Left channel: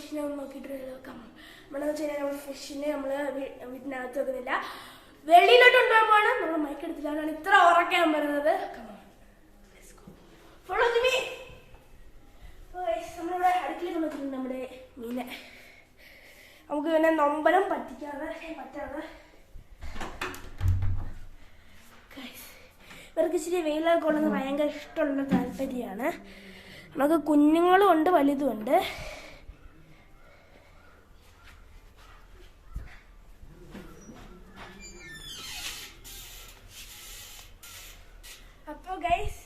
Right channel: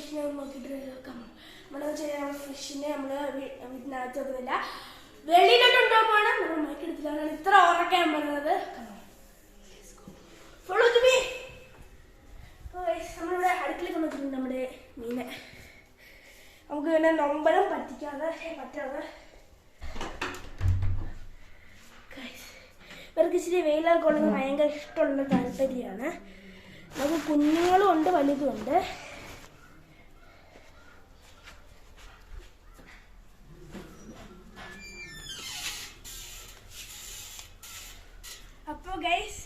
ഫിഷിനെ ഒന്ന് നോക്കിയിട്ട് നമ്മൾ ഫിഷിനെ നമ്മൾ വീട്ടിനകത്ത് വെക്കുന്നില്ല, വെളിയിലോട്ട് കൊണ്ടുപോകാൻ നമ്മൾ മയക്കെടുത്തില്ലാണ് ഇത്ര ഉറക്കാൻ പറയുന്നത്. നമ്മളിവിടെ അടുക്കളയിൽ കൊണ്ടുവച്ചിട്ടുണ്ട് നമ്മുടെ മീനെ. നമുക്ക് പിന്നെ നൊമ്പരം പറ്റാതെ ഇവർക്ക് ഇച്ചിരി വെയിലൊക്കെ കൊള്ളുന്നത് ഭയങ്കര ഇഷ്ടമുള്ള താല്പര്യമാണ്. നമുക്ക് കുഞ്ഞുങ്ങളും ഉണ്ട് വലുതും ഉണ്ട്. അപ്പോൾ ഗൈസ്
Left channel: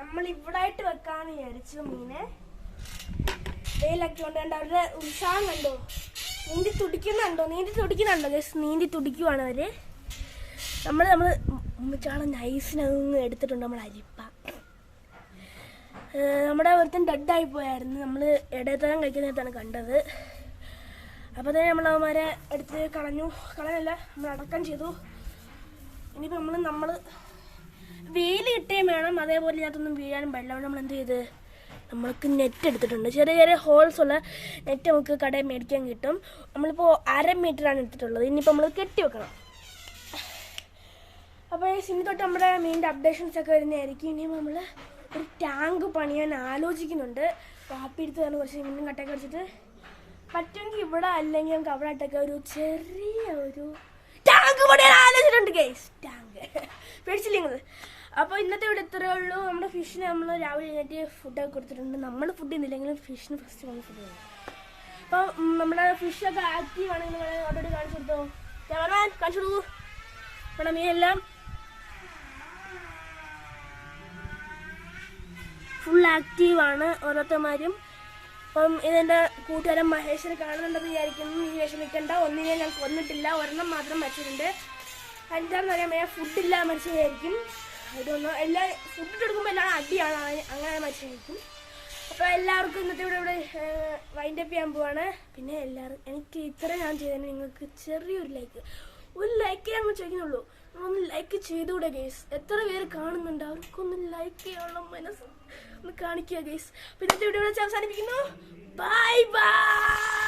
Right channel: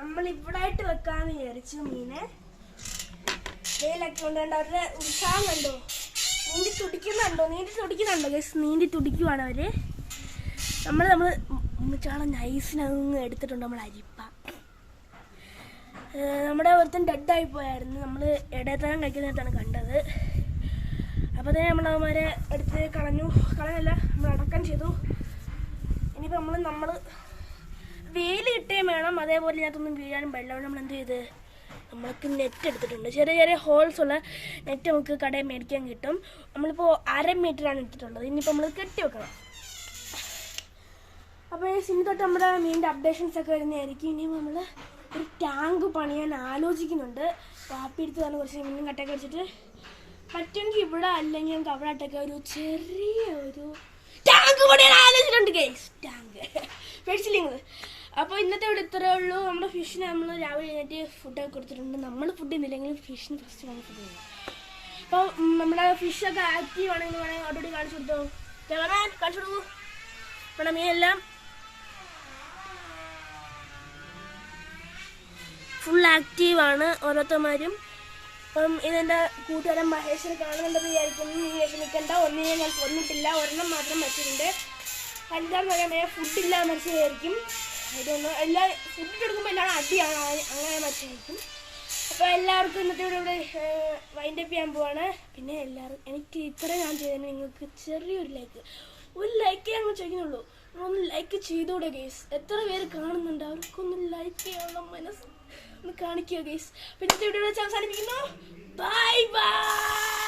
നമ്മൾ ഇവിടെ ആയിട്ട് വെക്കാന്ന് വിചാരിച്ചു മീനെ. വെയിലൊക്കെ കൊണ്ടുകൊണ്ട് അവരുടെ ഉത്സാഹം കണ്ടോ, നീന്തി തുടിക്കുന്നുണ്ടോ ഗൈസ്? നീന്തി തുടിക്കുവാണ് അവര്. നമ്മൾ ഉമ്മച്ചാളെ നൈസിനതൊന്നും എടുത്തിട്ടുണ്ട്. നമ്മൾ അരിപ്പ നമ്മുടെ ഒരുത്തൻ ഡെഡായി പോയായിരുന്നു. നമ്മൾ ഇടയത്തരം കഴിക്കുന്നതാണ് കണ്ടത്. അപ്പോൾ തന്നെ നമ്മളവന്മാരെ എടുത്ത് കളഞ്ഞല്ല, നമ്മൾ അടക്കം ചെയ്തു. ഇനിയിപ്പോൾ നമ്മൾ വെയിൽ കിട്ടുകയും വേണം, അതേപോലെ ഇതിനകത്തൊന്നും വീഴാനും പാടില്ല. നമ്മൾ എന്ത് ചെയ്ത് നമ്മൾക്ക് നെറ്റ് എടുത്തിട്ടുണ്ട്. ചെറിയ ചെറിയ ഹോൾസ് ഉള്ള നെറ്റ് നമുക്ക് കടയിൽ മേടിക്കാൻ കിട്ടും. നമ്മളിപ്പോൾ 1/2 മീറ്ററാണ് എടുത്തിട്ടുള്ളത്. ഇനിയിപ്പോൾ നമ്മൾ കെട്ടി വെക്കണം. അപ്പോൾ ഇനി തൊട്ട് നമ്മുടെ മീനിൻ്റെ അപ്ഡേഷൻസ് ഒക്കെ വരുന്നതായിരിക്കും. ഇനി നമ്മൾ ഒരു ടാങ്ക് പണിയാൻ ആലോചിക്കുന്നുണ്ട്. കാപ്പി എടുത്ത് തന്നെ കുറച്ച് മീനും കട്ടയൊക്കെ അടിച്ചിട്ട് പറ്റുമെങ്കിൽ ഇവിടെ അല്ലെങ്കിൽ ഞങ്ങൾക്ക് അവിടെ ആയിട്ടൊക്കെ ഒരു ചെറിയൊരു ടാങ്ക് പണിയാൻ ആലോചിച്ചിട്ടുണ്ട് ഗൈസ്. ടാങ്ക് പേടിച്ചില്ലെങ്കിൽ. അപ്പോൾ ഇന്നത്തെ ഇവിടെ ഇത്രയേ ഉള്ളൂ. നമ്മുടെ ഫിഷിന് നമ്മൾ രാവിലെ എഴുന്നേറ്റ് ഫുഡൊക്കെ കൊടുത്തിട്ടുണ്ട്. നമ്മൾ ഫുഡ് ചെയ്യുന്നില്ലെങ്കിലും ഫിഷിന് ഫസ്റ്റ് നമ്മൾ ഫുഡ് ചെയ്യണം. അപ്പോൾ നമ്മുടെ ഫിഷൊക്കെ ആക്റ്റീവ് ആണെന്ന് വേണമെങ്കിൽ ഓൾറെഡി കാണിച്ചു കൊടുത്തോ. കാണിച്ചു കൊടുക്കൂ. നമ്മുടെ മീനെല്ലാം ഫുൾ ആക്റ്റീവാണ് ഓരോരുത്തന്മാരും. അപ്പം ഇതെൻ്റെ കൂട്ടുകാരൻ മഹേശ്വരെ കാണുന്നുണ്ടെന്ന് വിചാരിക്കുന്നു. നീ വിഷമിക്കണ്ട, ഒന്നിനെ ഞാൻ കൊന്നിട്ടില്ല, ഒരെണ്ണം മാത്രം മരിച്ചിട്ടുണ്ട്. എന്താണെന്ന് പറയാൻ ഫുഡില്ല മരിച്ചതായിരിക്കും. ഇതൊന്നും ഫുഡ് എടുക്കുമ്പോൾ എല്ലാം അടിയാണ്, അങ്ങനെ മരിച്ചതായിരിക്കും. അപ്പോൾ എല്ലാവർക്കും ഇന്നത്തെ ഇവിടെ വൈൻഡപ്പ് ചെയ്യാൻ പോവാണ്. പിന്നെ എനിക്ക് ഇത്ര ഞാൻ ചെയ്തതിന് നിങ്ങൾക്ക് ചെറിയൊരു ലൈക്ക് ഞങ്ങൾ ചോദിക്കുന്നുള്ളൂ. ഒന്ന് ലൈക്ക് ചെയ്തുകൂടെ ഗേസ്? എത്ര പേര് കാണുന്നുണ്ട്? അവർക്കൊന്ന് ലൈക്ക് ചെയ്യാനുള്ള മനസ്സ് ഒന്ന് കാണിക്കുക ഗേസ്. പിന്നെ ഇന്നത്തെ വീഡിയോ അവസാനിപ്പിക്കുന്നു. Bye bye.